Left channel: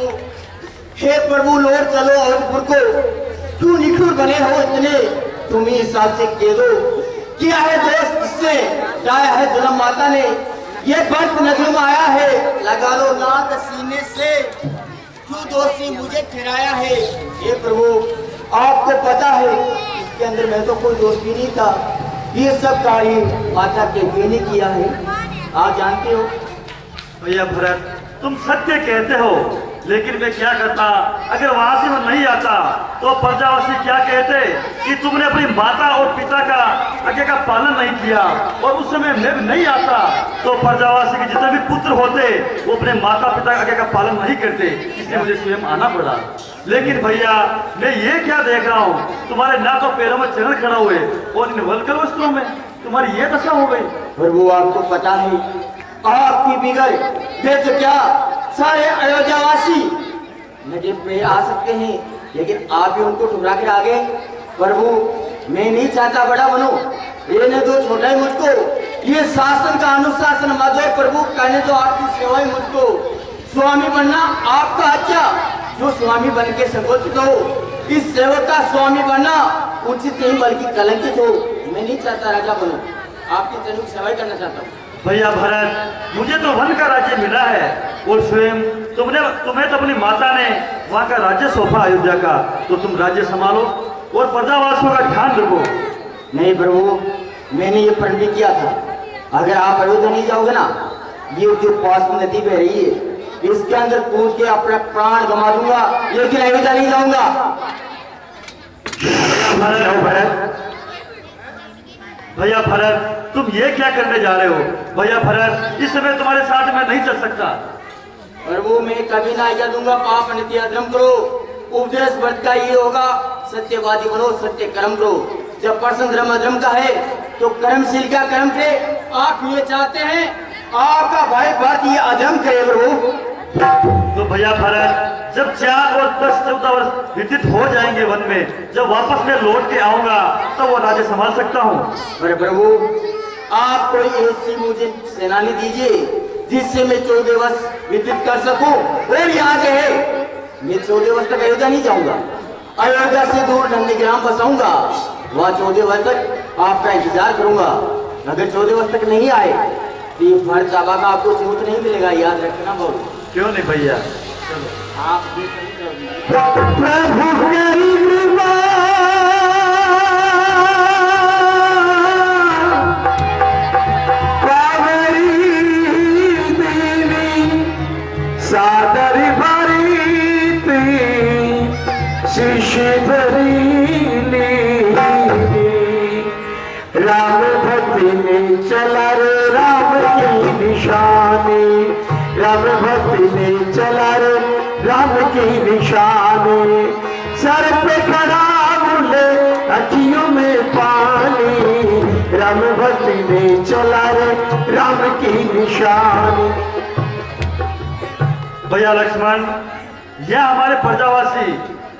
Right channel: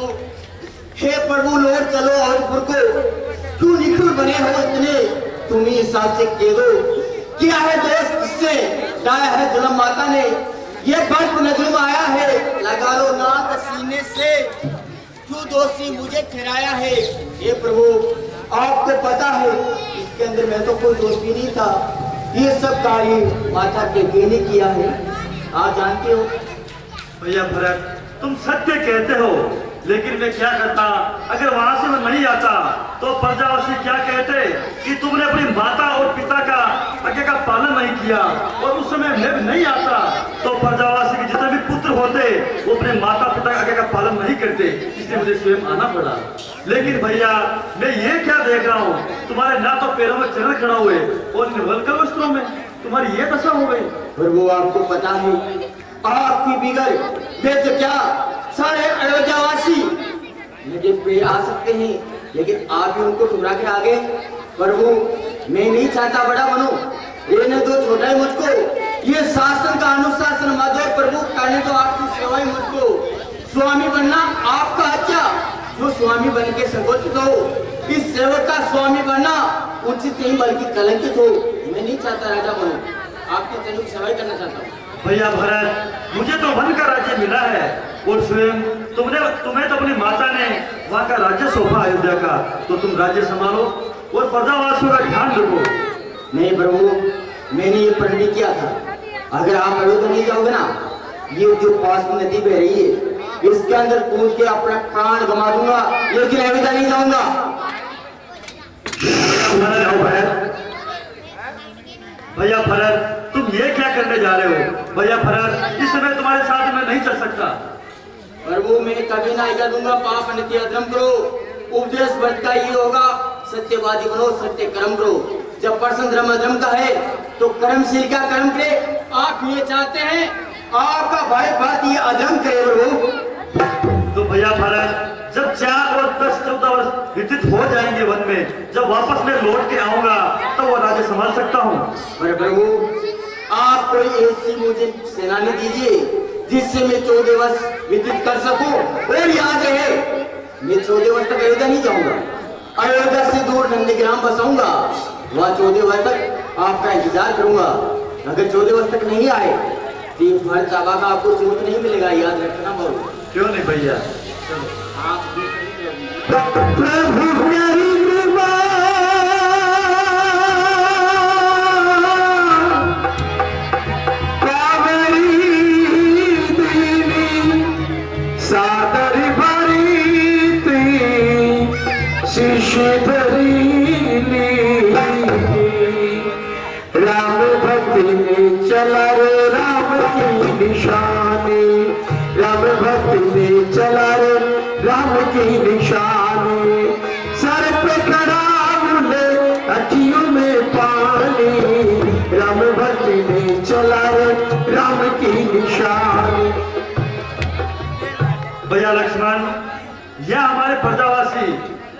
प्रभु, हे प्रभु लौट चलो अवधपुर को, क्यों निखर बने हो इतने, तुम ही साथ से कह दो, किया है दोस्त किसने, डाया है जन्म माता ने, ये वक्त नजर में आया है, लगा लो नाक सीने से, क्यों दोषी मुझे ठहराया है। हे प्रभु आपको पता है इसके अंदर मैं तो कोई दोष भी नहीं था, ये सब कार्य माता के बेने किया है, आप जानते हो। भैया भरत तुम सत्य कहते हो, लेकिन मैं क्या करता, अगर वहां से मैं नहीं आता तो प्रजावासी क्या कहते कि तुमने अपनी माता और पिता का आज्ञा का पालन नहीं किया, और उस समय मैं भी नहीं आता तो प्रजावासी के जितने भी पुत्र होते वो अपने माता पिता का आज्ञा का पालन नहीं करते, इसलिए मुझे स्वयं आना पड़ा। लेकिन भैया मैं ये क्या देख रहा हूँ, तुम्हारे ना तो पैरों में चरण खड़ा हुए और इन वल्कर वस्त्रों में तुम्हारी ये दशा हो गई। प्रभु आपको पता है आपकी बिगड़ वे तो क्या सारे अयोध्यावासी नजर पे आ सकते हैं, लेकिन आप भी उनको ठुकरा के आगे। प्रभु मैं नहीं चाहता बड़ा बनो, ये ने तो छोटा ही मुझको, ये शासन का अनुशासन मत दो प्रभु, कहने तो आपकी सेवा ही मुझको, स्वामी बनना आपका अच्छा, जो स्वामी बन के संकोचित हो, इस सेवक का स्वामी बनना उचित नहीं बल्कि कलंकित हो। मैं नहीं चाहता राजा बनो, आपके चरणों की सेवा करना चाहता हूँ। भैया भरत मुझे तो वन का राज्य मिला है, और स्वयं तुम्हें तो अपनी माता ने वहाँ का राज्य सौंपा अयोध्या का, तो तुम राज्य संभालो और प्रजावासियों का ध्यान रखो। नहीं प्रभु मैंने ये प्रण भी किया था, अगर आप अयोध्या नहीं जाओगे ना, ये जो पास में नदी बह रही है इसके अंदर कूद के अपना प्राण गंवा दूंगा, लेकिन अयोध्या नहीं जाऊंगा। भैया भरत तुम ये क्या करने जा रहे हो। भैया भरत इस समय तुम्हारे साथ मैं नहीं चल सकता। प्रभु मैं कभी ना आज्ञा दूंगा, पाप नित्य अधर्म करो, उपदेश व्रत का ये होगा, सत्यवादी बनो सत्य कर्म करो, जब प्रश्न धर्म अधर्म का है तो कर्मशील का कर्म करे। आप ये चाहते हैं आपका भाई बात ये अधर्म करे प्रभु। तो भैया भरत जब 4 और 10-14 वर्ष व्यतीत हो जाएंगे वन में, जब वापस मैं लौट के आऊंगा तो वो राज्य संभाल सकता हूँ। अरे प्रभु आप कोई ऐसी मुझे सेनानी दीजिए जिससे मैं 14 वर्ष व्यतीत कर सकूं, और याद रहे मैं 14 वर्ष तक अयोध्या नहीं जाऊंगा, अयोध्या से दूर नंदीग्राम बसाऊंगा, वहाँ 14 वर्ष तक आपका इंतजार करूंगा। अगर 14 वर्ष तक नहीं आए तो ये फर्ज का आपको छूट नहीं मिलेगा, याद रखना बहुत। क्यों नहीं भैया, आप प्रभु प्यारी कृपा सादर भरी शिष्य धरी राम भक्ति ने चला रे राम की निशानी, राम भक्ति ने चला रे राम की निशानी, सर पे खड़ा बोले अखियों में पानी, राम भक्ति ने चला रे राम की निशानी। भैया लक्ष्मण यह हमारे प्रजावासी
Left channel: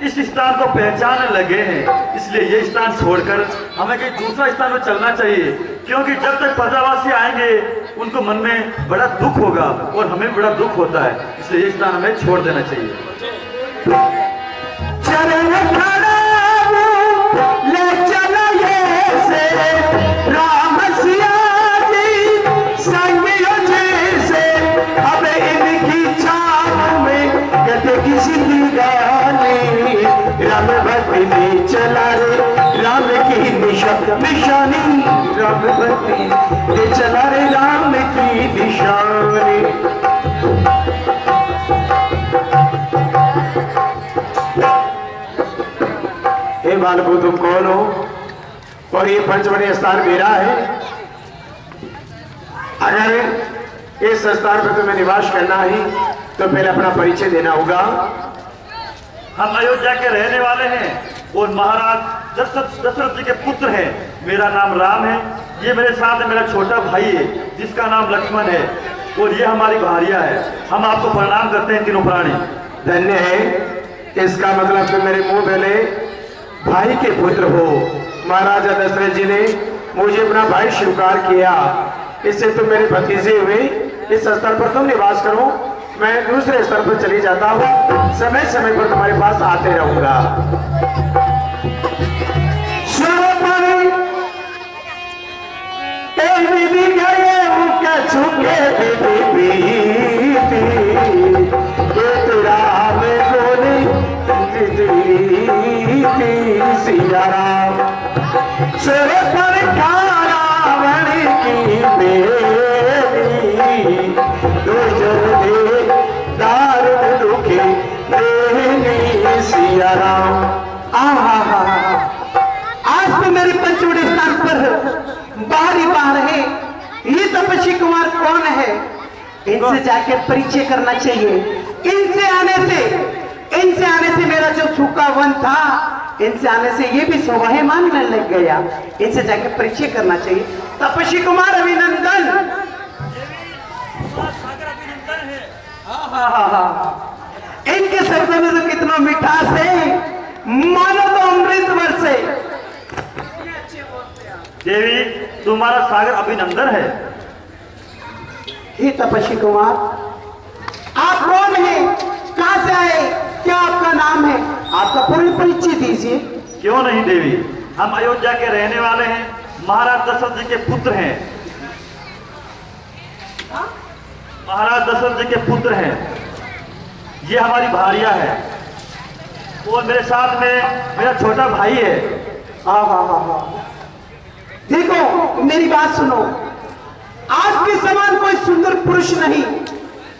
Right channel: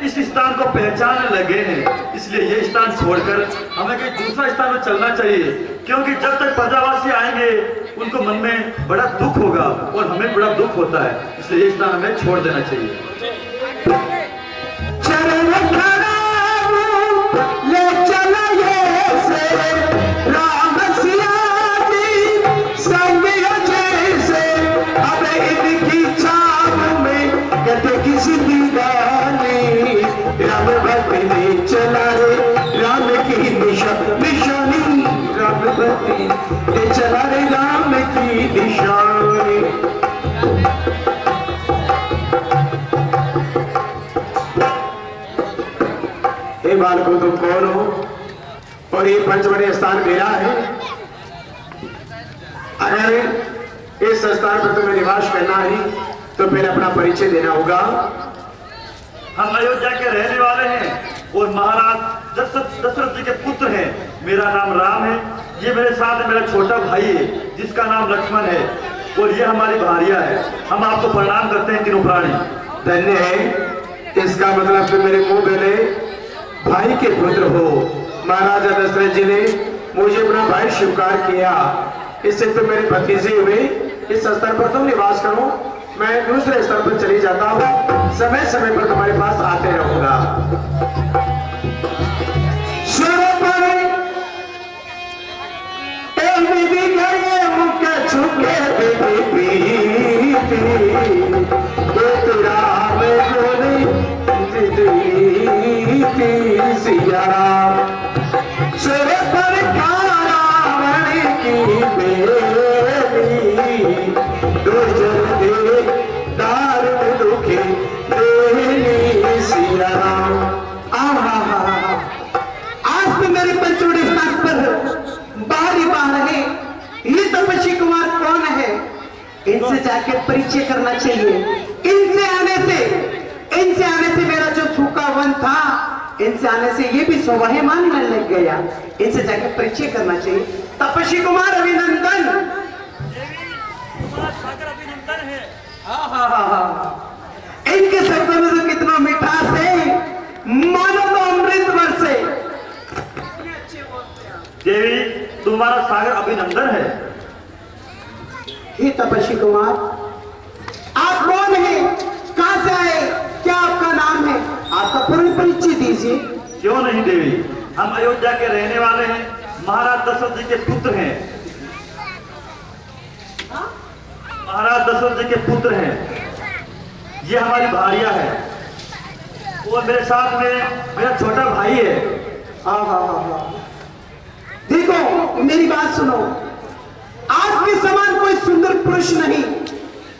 इस स्थान को पहचानने लगे हैं, इसलिए ये स्थान छोड़कर हमें कहीं दूसरा स्थान में चलना चाहिए, क्योंकि जब तक प्रजावासी आएंगे उनको मन में बड़ा दुख होगा और हमें बड़ा दुख होता है, इसलिए ये स्थान हमें छोड़ देना चाहिए। चरण खड़ा ले चला ये से राम सिया जी संग जैसे, अब इनकी छाप में कटे किसी दीवानी, राम भक्ति ने चला रे राम की निशानी, राम भक्ति ने चला रे राम की निशानी। हे बालको तुम कौन हो और ये पंचवटी स्थान मेरा है। अगर इस स्थान पर तुम्हें निवास करना है तो पहले अपना परिचय देना होगा। हम अयोध्या के रहने वाले हैं और महाराज दशरथ जी के पुत्र हैं। मेरा नाम राम है, ये मेरे साथ मेरा छोटा भाई है जिसका नाम लक्ष्मण है, और ये हमारी भारिया है। हम आपको प्रणाम करते हैं तीनों प्राणी। धन्य है, इसका मतलब तुम मेरे मुंह पहले भाई के पुत्र हो। महाराजा दशरथ जी ने मुझे अपना भाई स्वीकार किया, इससे तुम मेरे भतीजे हुए। इस स्तर पर तुम निवास करो, मैं दूसरे स्तर पर चली जाता हूँ, समय समय पर तुम्हारे पास आते रहूंगा। आज तो मेरे पंचवड़ी स्थान पर बाहरी बाहर है। ये तपस्वी कुमार कौन है? इनसे जाके परिचय करना चाहिए। इनसे आने से मेरा जो सूखा वन था, इनसे आने से ये भी शोभायमान में लग गया। इनसे जाके परिचय करना चाहिए। तपस्वी कुमार अभिनंदन। इनके शब्दों में तो कितना मिठास है, मानो तो अमृत वर्षे। देवी, तुम्हारा सागर अभिनंदन है। हे तपस्वी कुमार, आप कौन हैं? कहां से आए? क्या आपका नाम है? आपका पूर्ण परिचय दीजिए। क्यों नहीं देवी, हम अयोध्या के रहने वाले हैं, महाराज दशरथ जी के पुत्र हैं। महाराज दशरथ जी के पुत्र हैं। ये हमारी भारिया है और मेरे साथ में मेरा छोटा भाई है। देखो मेरी बात सुनो, आपके समान कोई सुंदर पुरुष नहीं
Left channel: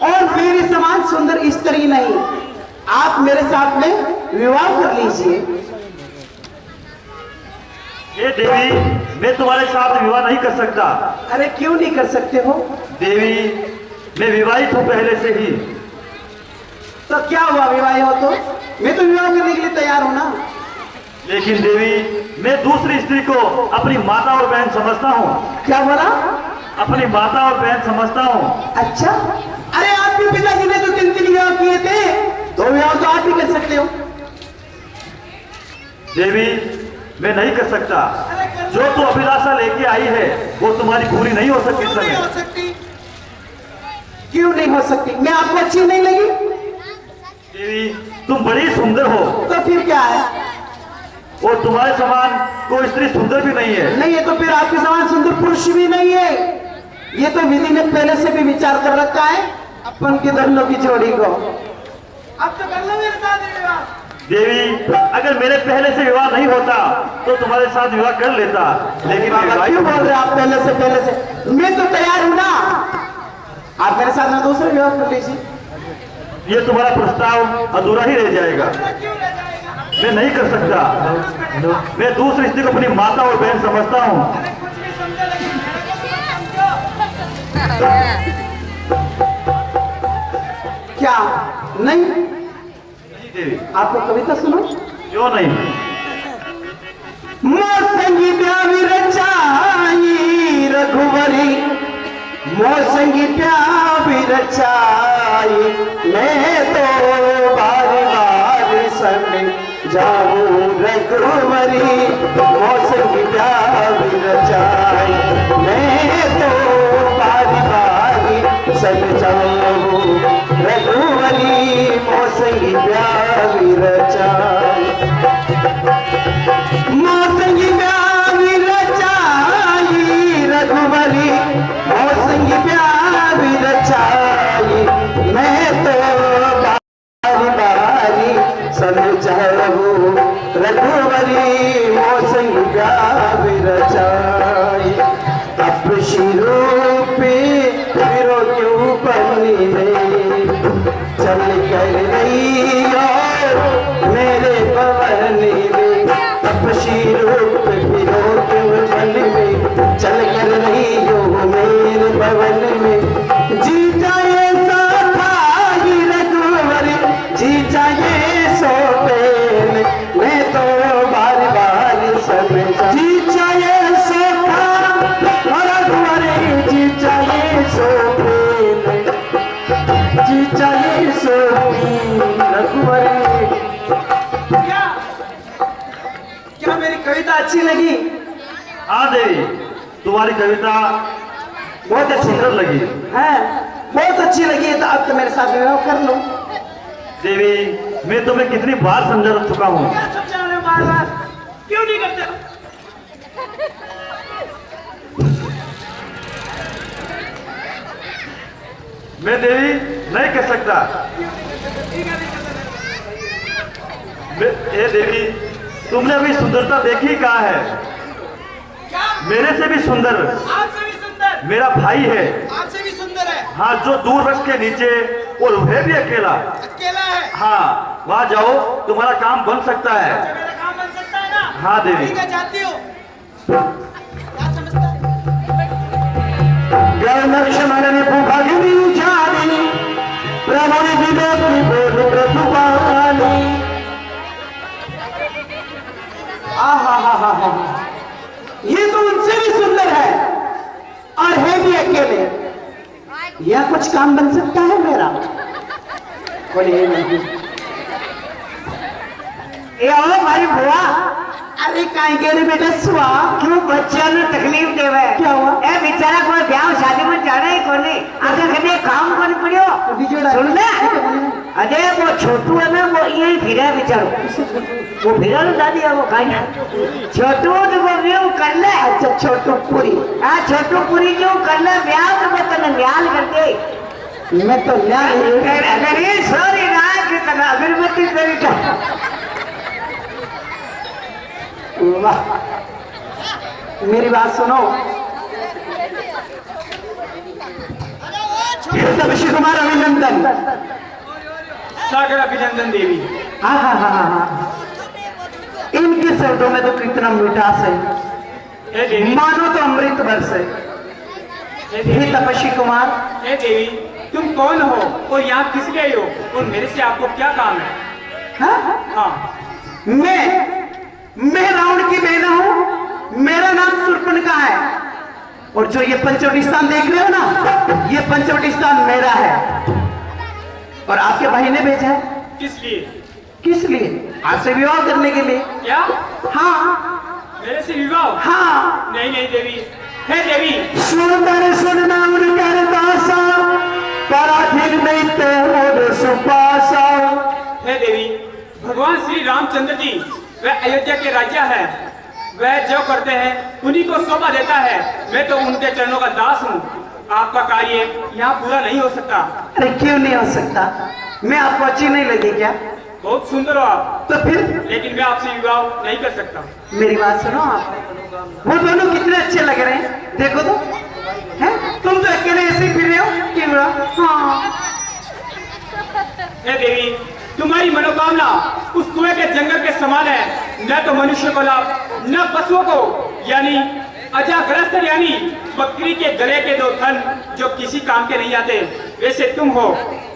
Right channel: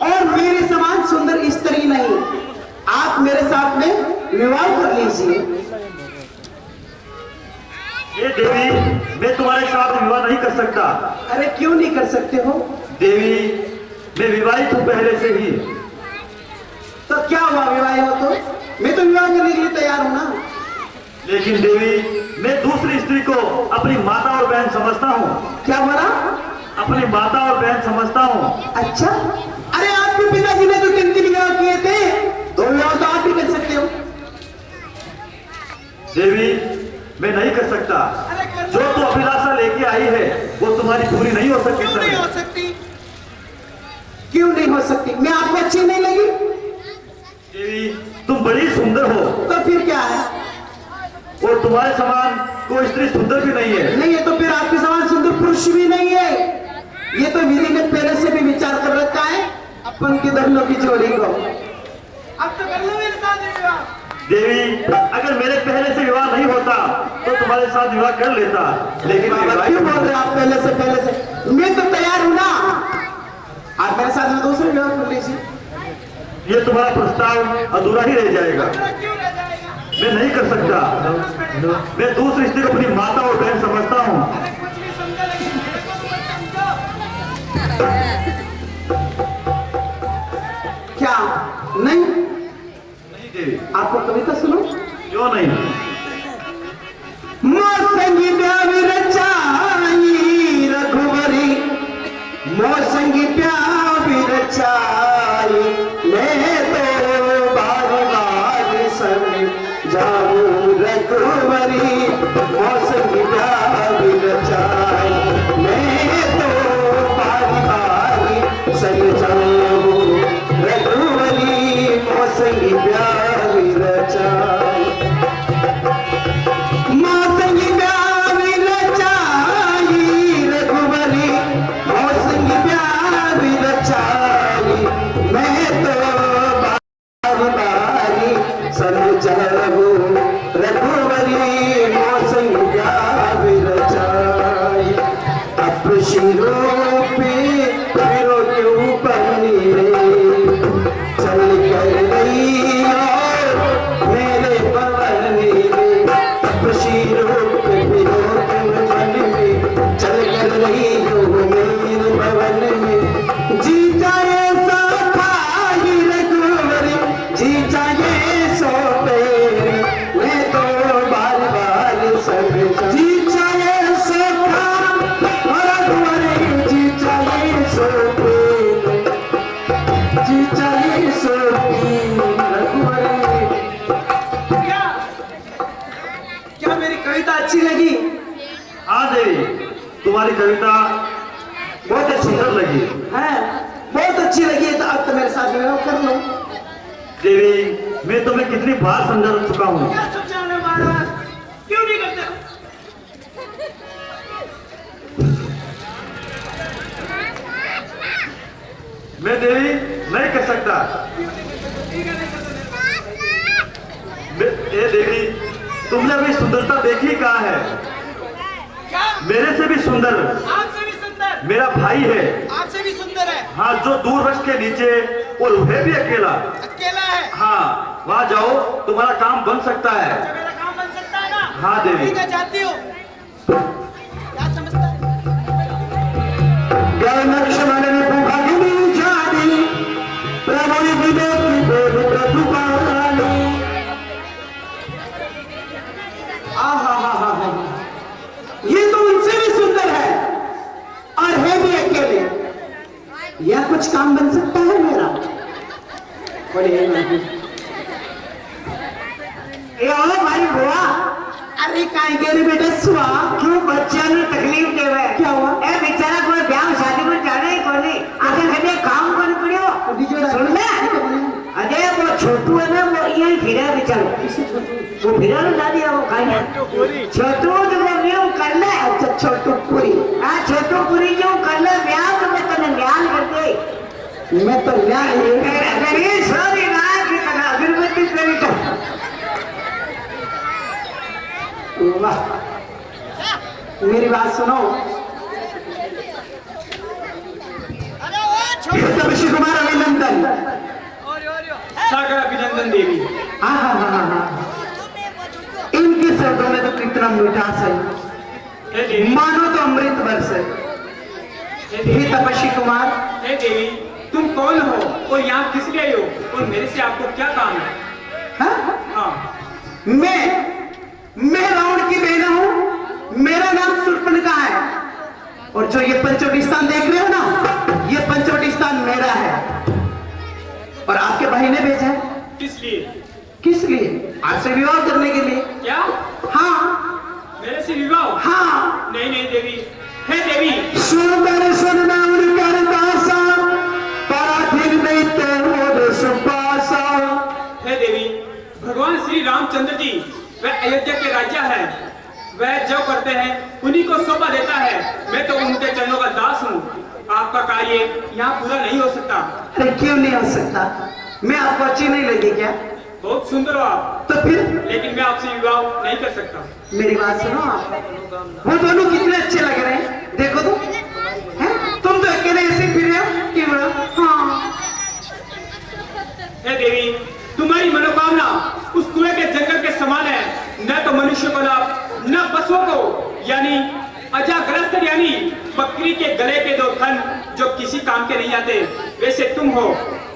और मेरे समान सुंदर स्त्री नहीं। आप मेरे साथ में विवाह कर लीजिए। ये देवी, मैं तुम्हारे साथ विवाह नहीं कर सकता। अरे क्यों नहीं कर सकते हो? देवी, मैं विवाहित हूं पहले से ही। तो क्या हुआ, विवाह हो तो? मैं तो विवाह करने के लिए तैयार हूं ना। लेकिन देवी, मैं दूसरी स्त्री को अपनी माता और बहन समझता हूँ। क्या बोला? अपनी माता और बहन समझता हूँ। अच्छा, अरे आपके पिताजी ने तो 3 विवाह किए थे, 2 विवाह तो आप भी कर सकते हो। देवी, मैं नहीं कर सकता। जो तू अभिलाषा लेके आई है वो तुम्हारी पूरी नहीं हो सकती। क्यों नहीं हो सकती? क्यों नहीं हो सकती? मैं आपको अच्छी नहीं लगी? देवी, तुम बड़ी सुंदर हो तो फिर क्या है? और तुम्हारे समान कोई स्त्री सुंदर भी नहीं है। नहीं है तो फिर आपके समान सुंदर पुरुष भी नहीं है। ये तो विधि ने पहले से भी विचार कर रखा है अपन के दोनों की जोड़ी को। अब तो कर लो मेरे साथ विवाह। देवी, अगर मेरे पहले से विवाह नहीं होता तो तुम्हारे साथ विवाह कर लेता, लेकिन क्यों बोल रहे आप पहले से? मैं तो तैयार हूं ना। आप मेरे साथ में दूसरे विवाह कर लीजिए। ये तुम्हारा प्रस्ताव अधूरा ही रह जाएगा। मैं नहीं कर सकता। मैं दूसरी स्त्री को अपनी माता और बहन समझता हूँ। क्या नहीं? नहीं देवी। आपको कविता सुनो। क्यों नहीं? मोसंगी प्यावी रचाई रघुवरी, मोसंगी प्यावी रचाई, मैं तो बारी बारी संग जाऊं रघुवरी, मोसंगी प्यावी रचाई, मैं तो बारी बारी संग जाऊं रघुवरी, मोसंगी प्यावी रचाई, मोसंगी प्यावी रचाई रघुवरी, मोसंगी प्यावी रचाई, मैं तो बारी बारी समझाऊं रघुवरी, मोसंगी प्यावी रचाई, अब शिरोपे फिरो क्यों बनी रे, चल कर रही हो मेरे पवन में, अब शिरोप फिरो क्यों बनी में, चल कर रही हो मेरे पवन में, जी जाए सो खाई रघुवरी, जी जाए सो पेन, मैं तो बार बार समझा, जी जाए सो खा रघुवरी, जी जाए सो पेन, जी जाए सो रघुवरी। क्या मेरी कविता अच्छी लगी? हाँ देवी, तुम्हारी कविता बहुत ही सुंदर लगी। है बहुत अच्छी लगी है, तो अब तो मेरे साथ विवाह कर लो। देवी, मैं तुम्हें कितनी बार समझा चुका हूँ। क्या समझाना बार बार, क्यों नहीं करते हो? मैं देवी नहीं कर सकता। ए देवी, तुमने अभी सुंदरता देखी कहाँ है? क्या? मेरे से भी सुंदर आपसे भी सुंदर? मेरा भाई है। आपसे भी सुंदर है? हाँ, जो दूर वृक्ष के नीचे, और वह भी अकेला। अकेला है? हाँ, वहाँ जाओ, तुम्हारा काम बन सकता है। अच्छा, मेरा काम बन सकता है ना? हाँ देवी। ठीक है, जाती हूँ। क्या समझता है? लक्ष्मण ने भूभागिनी जानी, प्रभु विवेक बोध प्रतिपाली। आहा, ये तो उनसे भी सुंदर है और है भी अकेले। यह कुछ काम बन सकता है मेरा? बोलिए भाई बुआ। अरे काहे कह रहे बेटा सुआ, क्यों बच्चा ने तकलीफ देवे? क्या हुआ? ए बेचारा कोई ब्याह शादी में जाना ही कोनी, आगे कदे काम कोनी पड़ियो। सुन ले, अरे वो छोटू है ना, वो यही फिरा बेचारो, वो फिरा ना दादी है, वो खाई छोटू तो वो न्यू कर ले। अच्छा, छोटू पूरी। हाँ, छोटू पूरी जो कर ले ब्याह, तो मैं तने न्याल कर दे। मैं तो मेरी सॉरी ना कि तना अगरबत्ती तेरी का। वाह, मेरी बात सुनो। ऋषि कुमार अभिनंदन। सागर अभिनंदन देवी। हाँ, इनके शब्दों में तो कितना मिठास है, हे देवी, मानो तो अमृत वर्ष है। हे तपस्वी कुमार, हे देवी, तुम कौन हो और यहाँ किस लिए हो और मेरे से आपको क्या काम है? हाँ? हाँ, मैं रावण की बहना हूँ, मेरा नाम शूर्पणखा है, और जो ये पंचवटी स्थान देख रहे हो ना, ये पंचवटी स्थान मेरा है, और आपके भाई ने भेजा है। किस लिए? किस लिए? आपसे विवाह करने के लिए। क्या? हाँ मेरे से विवाह? हाँ। नहीं नहीं देवी, हे देवी, सुंदर सुनना उनकर दासा, पराधीन नहीं ते मोर सुपासा। हे देवी, भगवान श्री रामचंद्र जी वह अयोध्या के राजा है, वह जो करते हैं उन्हीं को शोभा देता है। मैं तो उनके चरणों का दास हूँ। आपका कार्य यहाँ पूरा नहीं हो सकता। अरे क्यों नहीं हो सकता? मैं आपको अच्छी नहीं लगी क्या? बहुत सुंदर हो आप, तो फिर लेकिन मैं आपसे विवाह नहीं कर सकता। मेरी बात सुनो आप, वो दोनों कितने अच्छे लग रहे हैं, देखो तो, हैं? तुम तो अकेले ऐसे फिर रहे हो कि हाँ। हे देवी, तुम्हारी मनोकामना उस कुएं के जंगल के समान है। न तो मनुष्य को लाभ, न पशुओं को, यानी अजाग्रस्त, यानी बकरी के गले के दो थन जो किसी काम के नहीं आते, वैसे तुम हो।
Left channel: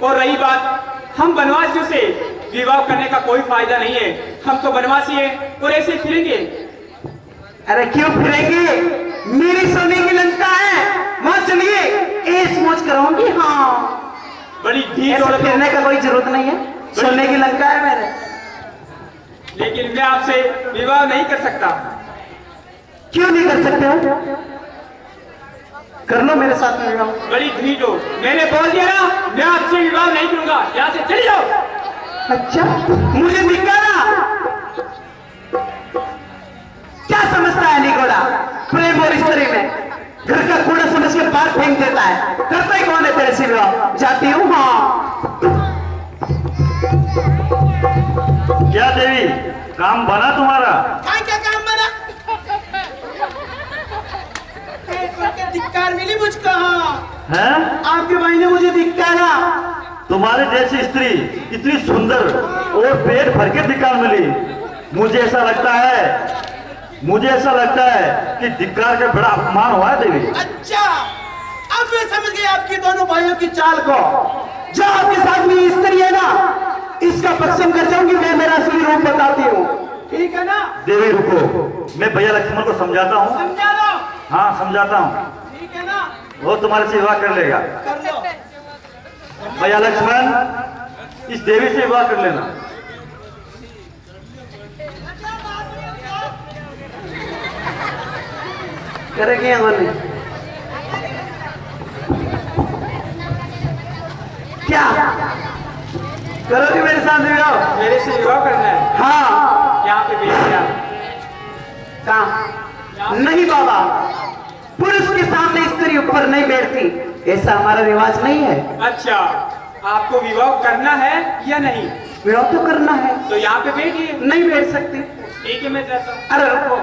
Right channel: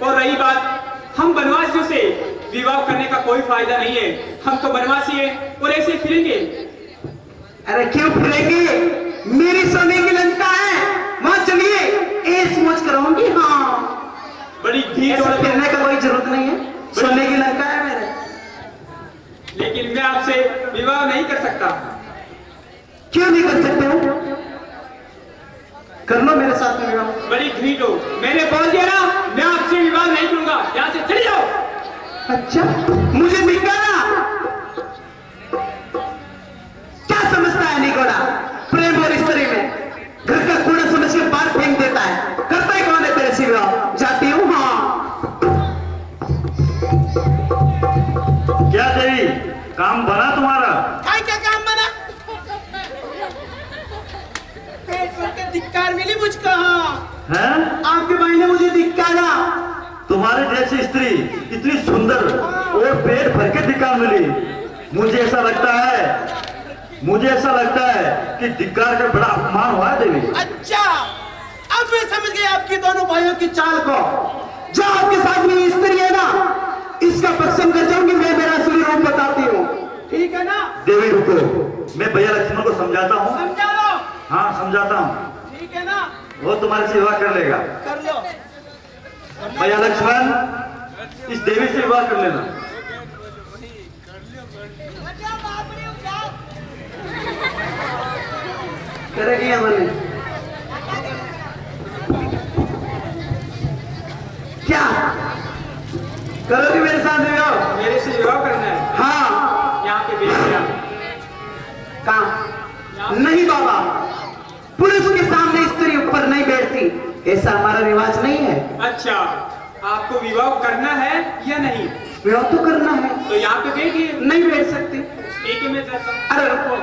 और रही बात हम वनवासियों से, विवाह करने का कोई फायदा नहीं है। हम तो वनवासी हैं और ऐसे फिरेंगे। अरे क्यों फिरेंगे? मेरी सोने की लंका है, वहां चलिए, ऐश मौज कराऊंगी। हाँ, बड़ी भीड़ ऐसे और फिरने का कोई जरूरत नहीं है, सोने की लंका है मेरे। लेकिन मैं आपसे विवाह नहीं कर सकता। क्यों नहीं कर सकते हो? कर लो मेरे साथ में विवाह। बड़ी भीड़ हो, मैंने बोल दिया ना, मैं आपसे विवाह नहीं करूंगा। यहाँ से चले जाओ। अच्छा, मुझे निकाला? क्या समझता है निकोड़ा? प्रेम और स्त्री में घर का कूड़ा समझ के बाहर फेंक देता है। करता ही कौन है तेरे से विवाह? जाती हूँ। हाँ, क्या देवी, काम बना तुम्हारा? क्या काम बना? धिक्कार मिली मुझको। हाँ, हैं? आपके भाई ने मुझे धिक्कारा। तुम्हारे जैसी स्त्री इतनी सुंदर और पेट भर के धिक्कार मिली। मुझे ऐसा लगता है कि धिक्कार का बड़ा अपमान हुआ है देवी। अच्छा, अब मैं समझ गई आपकी दोनों भाइयों की चाल को। जो आपके साथ में स्त्री है ना, इसका पश्चिम कर जाऊंगी, मैं मेरा असली रूप बताती हूँ। ठीक है ना? देवी रुको, मैं भैया लक्ष्मण को समझाता हूँ। समझा लो। हाँ, समझाता हूँ, ठीक है ना? वो तुम्हारे से विवाह कर लेगा। कर लो। भैया लक्ष्मण, इस देवी से विवाह कर लेना। करेगी हमारे। करोगे मेरे साथ विवाह? मेरे से विवाह करना है? हाँ। यहाँ पे बेच दिया। कहाँ? नहीं बाबा, पुरुष के सामने स्त्री ऊपर नहीं बैठती, ऐसा हमारा रिवाज नहीं है। अच्छा, आपको विवाह करना है या नहीं? विवाह तो करना है। तो यहाँ पे बैठिए। नहीं बैठ सकती। ठीक है, मैं जाता हूँ। अरे रुको,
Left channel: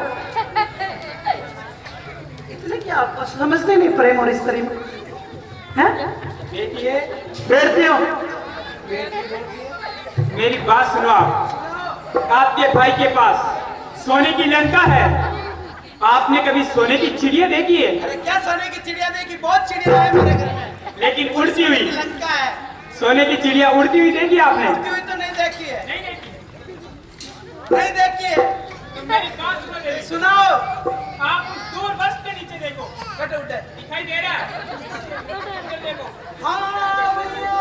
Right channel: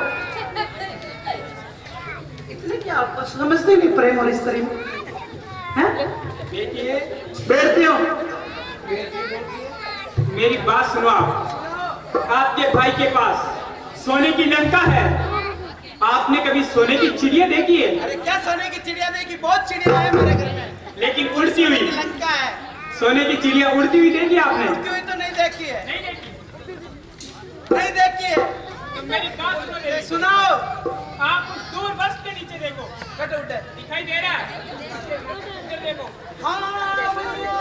इतने क्या आपको समझते नहीं प्रेम और स्त्री में? हैं? बैठिए। बैठते हो? मेरी बात सुनो आप। आपके भाई के पास सोने की लंका है। आपने कभी सोने की चिड़िया देखी है? अरे क्या सोने की चिड़िया देखी? बहुत चिड़िया है मेरे घर में, लेकिन उड़ती हुई। लंका है। सोने की चिड़िया उड़ती हुई देखी आपने? उड़ती हुई तो नहीं देखी है। नहीं देखी। नहीं देखी है। तो मेरी बात सुनो मेरी। सुनाओ। आप उस दूर बस के नीचे देखो। कट उठे। दिखाई दे रहा है? उधर देखो। हाँ भैया।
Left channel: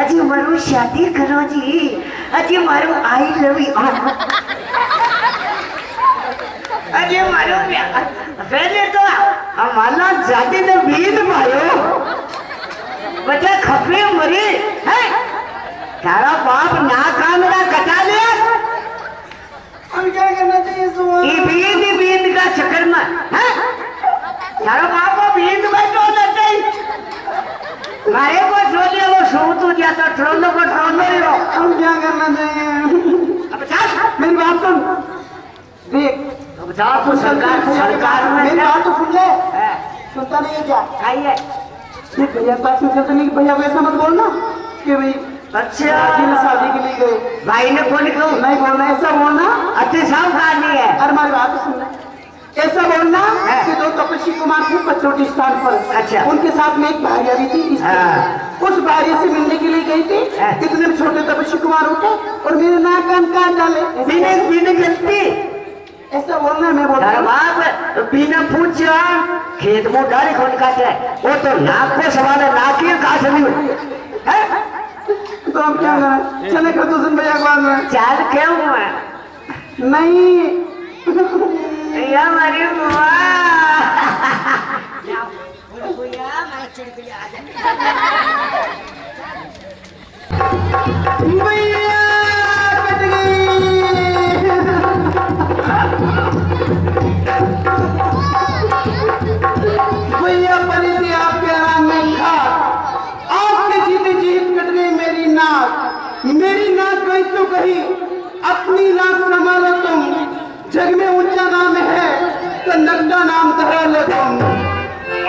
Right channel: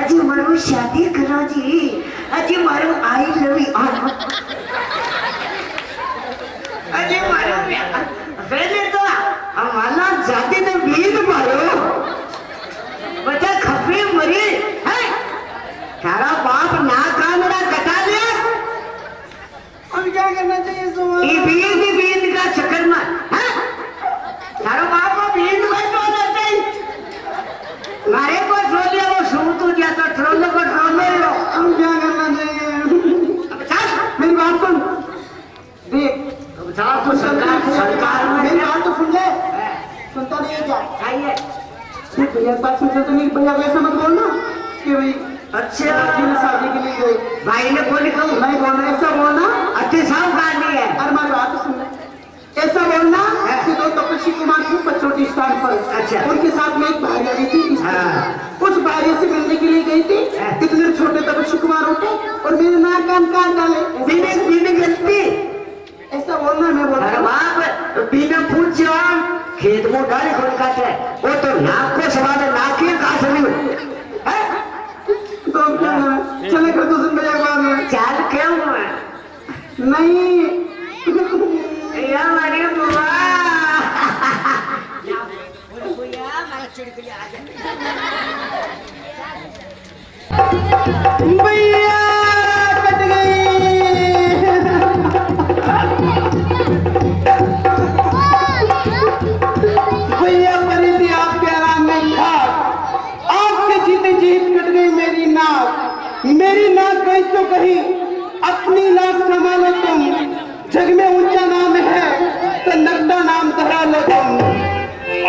अजी मारू शादी करो जी, अजी मारू आई लव यू, अजी मारू पहले तो हमारा जाति तो बीत मारो बच्चा खपरे मरी है। तारा बाप ना का मेरा कटा दे। हम क्या करना चाहिए सुबह? ये बीत का चक्कर में है। तारा बाप को बीत में तो लगता ही मारे को छोड़िए, वो सूत हो गया तो ट्रोलो को ट्रोलो ही हो। हम क्या करना चाहिए? अब चल मेरी बात सुन, देख, अब जाओ तो सरकार में मेरी बात तो सुन ले। है। सुनता नहीं है क्या? आइए। देख भैया पास में चलते नहीं, भैया वैसा मत बोलना कि भाई अच्छा शादी के लिए गए। भाई ने कौन कहूँ नहीं बोलना, ऐसा बोलना। अच्छे साफ कहानी है। अरे हमारी बात तो सुनना, ऐसा बोलना है। कि दो तपस्वी कुमार थे पचोटी स्थान पर। अच्छा। उनके साथ में एक भार्या भी थी। हाँ। उस भार्या से मिलने के लिए गई थी। है। इतने छोटे तपस्वी कुमार उठे और मेरे नाक कान काट डाले। बिना गलती ऐसा बोलना, मैं बोल तारा बाप बिना पूछ खेत में डाली कौन काटे, वो तो नाक को सवाल है, नाक ही काट नहीं है। तो हम क्या करें? चले कर दूसरे भैया के बाद में। चाल क्यों हुआ नहीं या हमारी बुआ भैया कट गई। भैया बनी थी आपके आराम में खाक, आपके जीते जीत कट गई मेरी नाक। मेरी नाक गई तो कहीं अपनी नाक संभालो तुम, जग में ऊंचा नाम है तो नगदा नाम धरा लो तुम।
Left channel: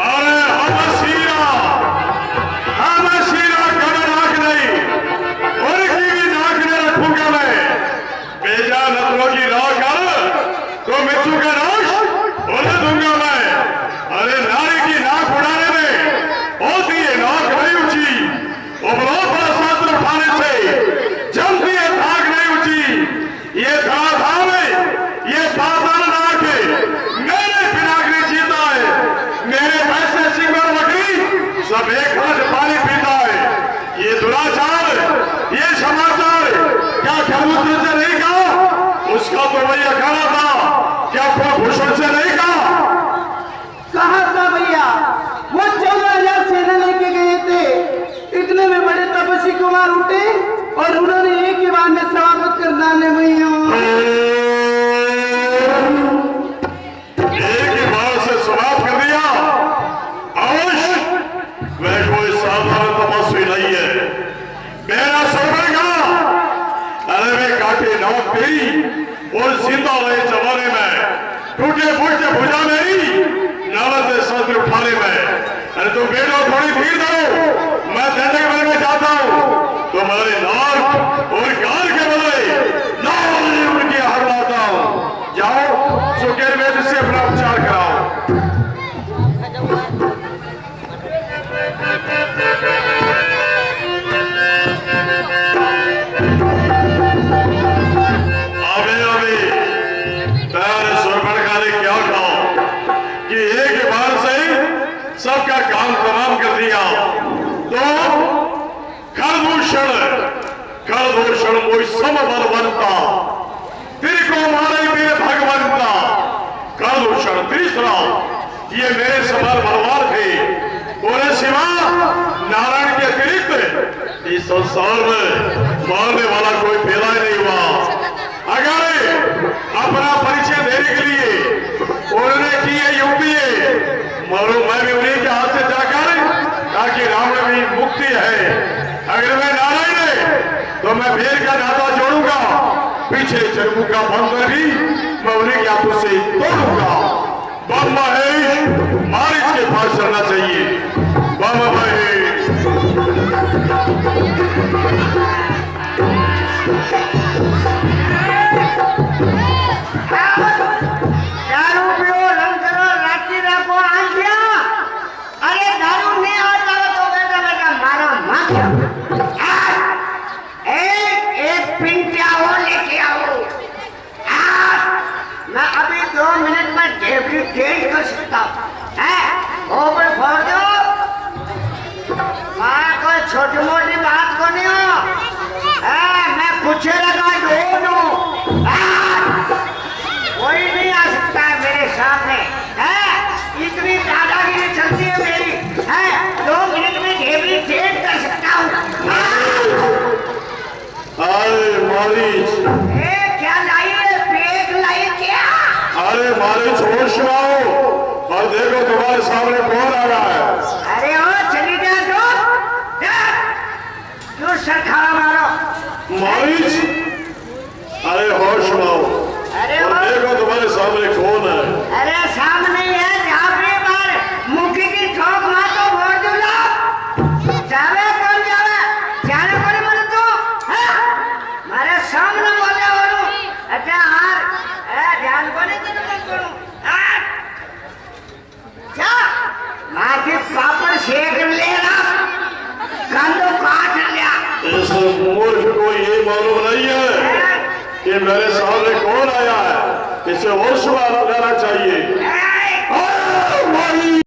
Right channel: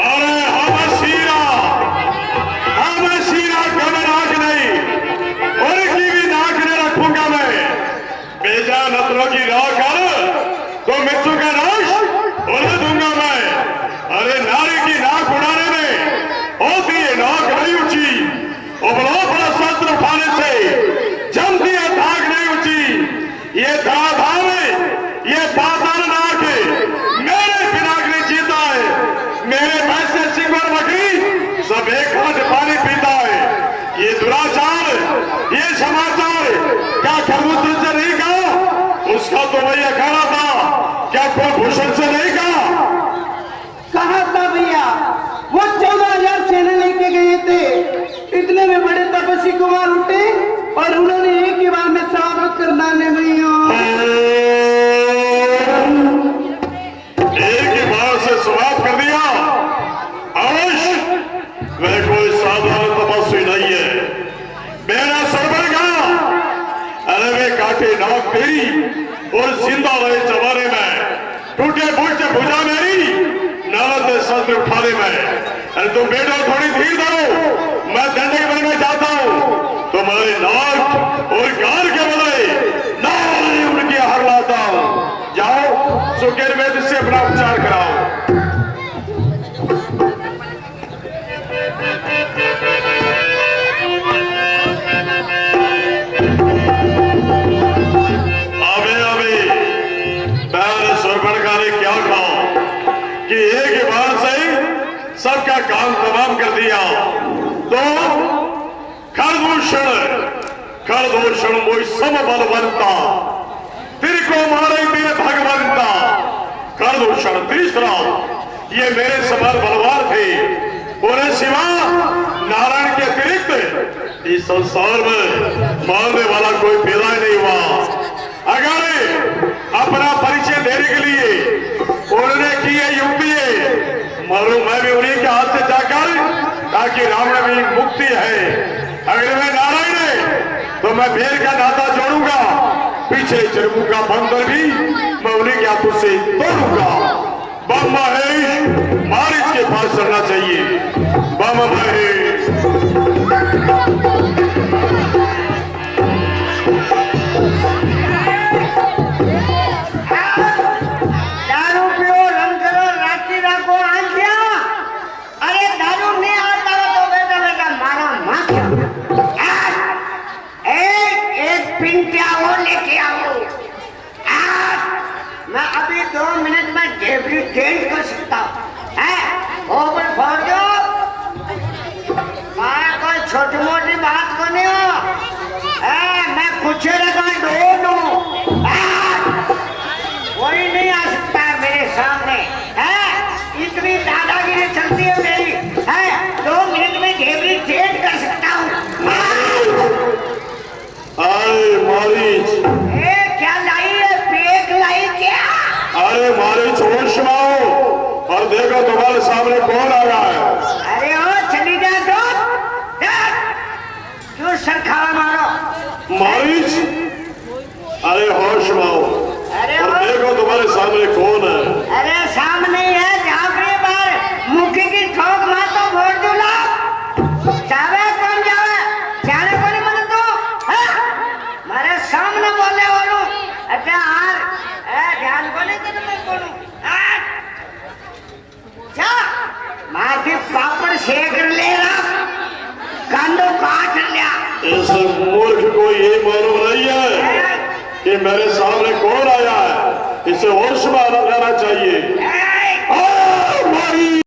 अरे हम शीरा कभी नाक नहीं, उनकी भी नाक नहीं रखूंगा मैं। बेजा नतरों की राह कर तो मिट्टू का नाक उड़ दूंगा मैं। अरे नारी की नाक उड़ाने में होती है नाक नहीं ऊंची, उबलो बड़ा शस्त्र उठाने से जमती है धाक नहीं ऊंची। ये धाम है, ये पाताल नाक है, मेरे बिना नहीं जीता है। मेरे पैसे सिंगर बकरी सब एक हाथ पानी पीता है। ये दुराचार, ये समाचार क्या खबूतर से नहीं कहा? उसका तो वही अखाड़ा था, क्या कुलभूषण से नहीं कहा? कहा था भैया, वो 14,000 सेना लेके गए थे। इतने में बड़े तपस्वी कुमार उठे और उन्होंने एक ही बार में स्वागत कर डाले भैया। एक ही बार से समाप्त कर दिया। अवश्य मैं कोई साधारण तपस्वी नहीं है, मेरा सरवर का। अरे वे काटे नाक तेरी और जिंदा रहे जमाने में, टूटे फूटे भुजा मेरी नवत शस्त्र उठाने में। अरे तुम बेटो थोड़ी धीर धरो, मैं दंडक बनना चाहता हूँ। तुम्हारे नाक और काम तमाम कर दिया तो खरदूषण मोई सम बलवंता तेरे को मारे मेरे भगवंता। खरदूषण तीसरा ये मेरे समान बलवान थे, बोले शिवा नारायण के अतिरिक्त इस संसार में मारने वाला कोई पैदा नहीं हुआ। अगर अपना परिचय देने के लिए उन्होंने किए युक्ति मारो मैं भी उन्हीं के हाथ से जाकर, ताकि रावण भी मुक्ति है। अगर मैं नारायण है तो मैं भेड़ का नाता जोड़ूंगा, पीछे चरमू का बंदर भी मैं उन्हीं के हाथों से तोड़ूंगा। बम महेश मारिच के पास चलना चाहिए। बम महेश दारू पियो, रंग करो, रात्रि में कौन आन दिया? अरे दारू नहीं आता तो बेटा बेटा मारो मत। एक पिंटिया और लेके आओ। मैं अभी 2 मिनट में डेब्यू चेंज कर सकता हूँ। ओपन फोड़ दो। कोई छोटी मोटी बात को नहीं हो। मैं कुछ लगा दो कोई नहीं आ सकता है मेरे सामने। इतनी दादागिरी चलती है मेरी। 2 मिनट में डेब्यू चेंज कर सकता हूँ। अरे मारिच, क्या लाई है? पेट लाई क्या? अरे मारिच होश में आओ और देखो तुम्हारे सामने कौन आ रहा है। अरे ओ चली जा जो सरखारा मारो। मारिच, अरे होश में आओ और देखो तुम्हारे सामने कौन है। अरे सामने है झापड़ी पर मुखी की ठोक मार तो भोर दूला। जावे कौन जावे? जाने को नहीं बोले तो मारे सामने बोले बोलू। अच्छा हार ध्यान को नहीं कि मैं बोलू। जा माथे पापड़ सेक लेना, कांदो काट लिया। इस मूर्ख को ये मालूम नहीं है कि मेरे सामने कौन आया है। इसे होश में आना जाना चाहिए।